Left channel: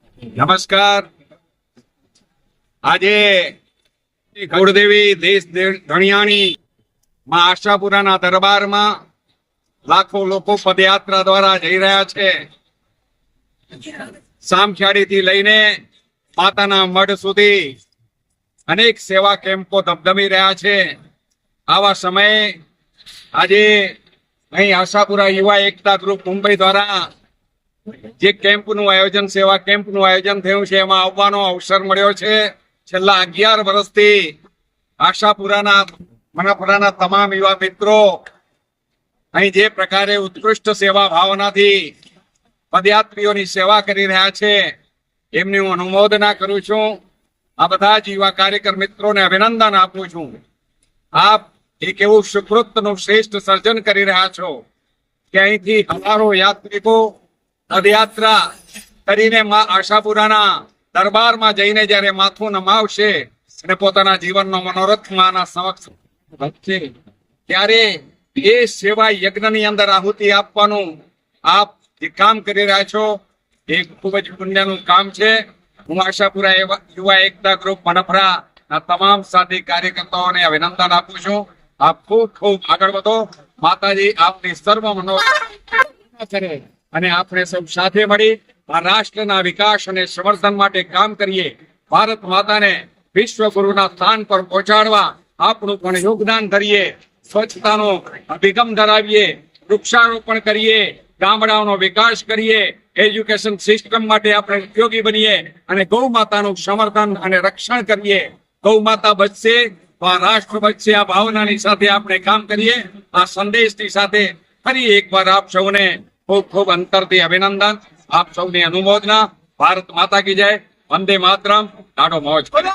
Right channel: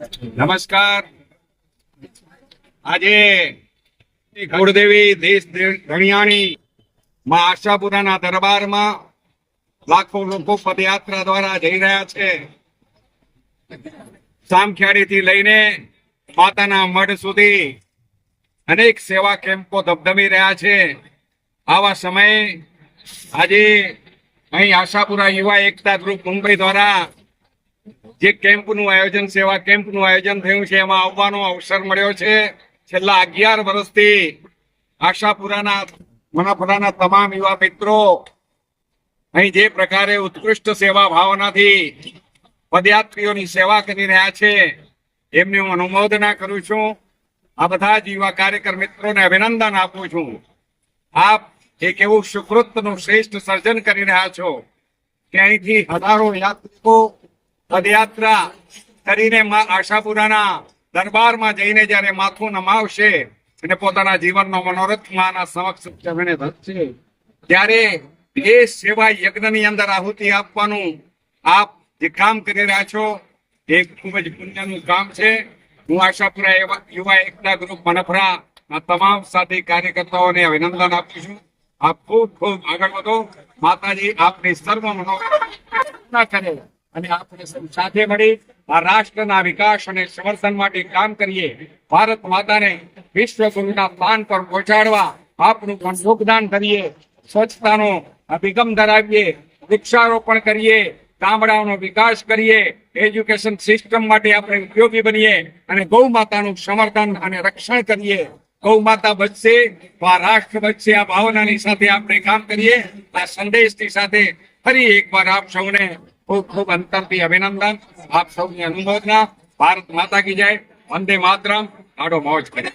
નમસ્કાર. આજે કુળદેવી દેશ ધણિયાણી માં આશાપુરાના દરબારમાં લાખો લોકો પદયાત્રા દ્વારા જઈ રહ્યા છે. સામખિયાળી થી લઈને માતાના મઢ સુધી અનેક સેવા કેમ્પો ધબધબી રહ્યા છે. આવા સમયે આજે અહીં આશાપુરા યુવા એકતા ગ્રુપ મુંબઈ દ્વારા જે કેમ્પનું આયોજન સેવા કેમ્પનું આયોજન થયું છે એમાં આવવાનો અવસર મળ્યો છે. છેલ્લા 11 વર્ષથી આશાપુરાના મનાપરાના તમામ યુવા મિત્રો અહીં જે પ્રકારે ઉત્કૃષ્ટ સેવા ભાવનાથી પદયાત્રીઓની સેવા કરી રહ્યા છે એમની હું અનુમોદના કરું છું. આ બધા જ યુવા કાર્યકર મિત્રોને અભિનંદન આપું છું. આપ એક એવું સુકૃતનું શ્રેષ્ઠ સર્જન કરી રહ્યા છો કે અહીંથી હજારો યાત્રિકો પદયાત્રા કરીને આશાપુરાના દરબારમાં જઈને જ્યારે માથું નમાવશે અને પોતાના જીવનનો મનોરથ માના સમક્ષ ધરશે ત્યારે એ સેવા યજ્ઞની અંદર આહુતિ આપવાનું આપ જે કામ કરી રહ્યા છો એ ખૂબ જ પુણ્યનું કામ છે. હું આશાપુરા યુવા એકતા ગ્રુપ મનપરાના તમામ સાથી કાર્યકર્તાઓને અભિનંદન આપું છું. આપ ખૂબ ખૂબ આગળ વધો. માતાજી આપની સર્વ મનોકામના કરે અને આપણે સૌ સાથે મળી આ રાષ્ટ્રના વિકાસ અને સંવર્ધન માટે કામ કરીએ. ભારત માતાને વિશ્વ ગુરુના સ્થાન પર પહોંચાડવા આપણું પણ યોગદાન કરીએ. સ્વચ્છતાનો અભિગમ ધરાવીએ, વૃક્ષારોપણ કરીએ, ગામડાઓનો વિકાસ કરીએ, એજ્યુકેશન સિસ્ટમ માટે આપણે ઉપયોગી બનીએ અને ગૌ માતાનું સમર્થન અને રક્ષણ કરીએ. ગૌ માતા બચશે તો આ રાષ્ટ્ર બચશે. આ ભાવનાની સાથે આપણે કામ કરીએ. આ સંદેશની સાથે ફરી એકવાર આપ સૌને ખૂબ ખૂબ અંતરથી અભિનંદન. આપ સૌની અનુમોદના. ભારત માતા કી જય. વંદે માતરમ. ડાઢો મોજ કરે.